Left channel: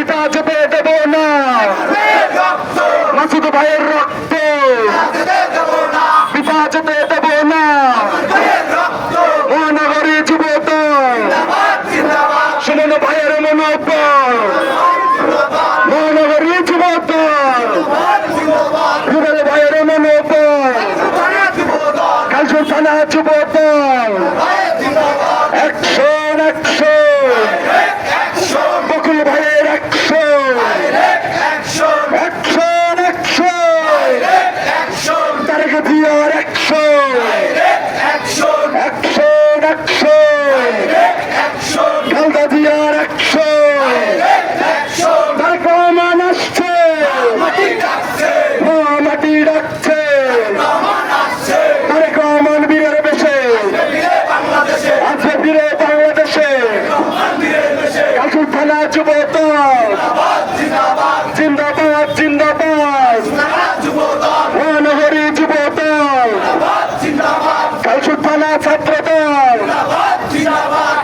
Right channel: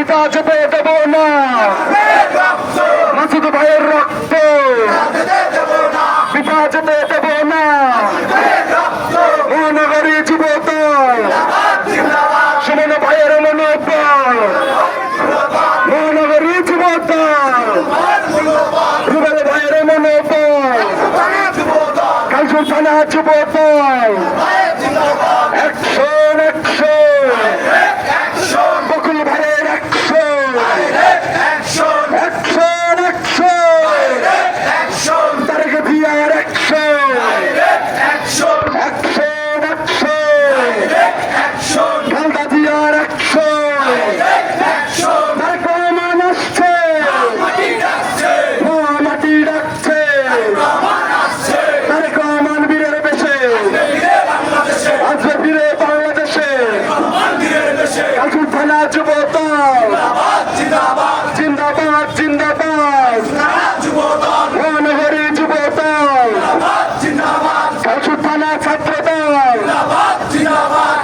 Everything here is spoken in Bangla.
পিতা যেতে দেব না। মাসুদ ভাইয়ের রক্ত পিতা যেতে দেব না। মহানগরী যুবদল সুমন ভাইয়ের মনোবল মহানগরী যুবদল রুবেল ভাইয়ের মনোবল কালচুর থানা যুবদল অ্যাকশন অ্যাকশন বকুল ভাইয়ের অ্যাকশন অ্যাকশন অ্যাকশন তারেক জিয়ার অ্যাকশন অ্যাকশন অ্যাকশন খালদা জিয়ার অ্যাকশন তারেক রহমান আসছে মা মাটি ডাকছে তারেক রহমান বীরের বেশে আসবে ফিরে বাংলাদেশে কালকুল থানা জিন্দাবাদ জিন্দাবাদ মহানগরী জিন্দাবাদ। কালসুদ্দানা ছাত্রদল। জিন্দাবাদ জিন্দাবাদ।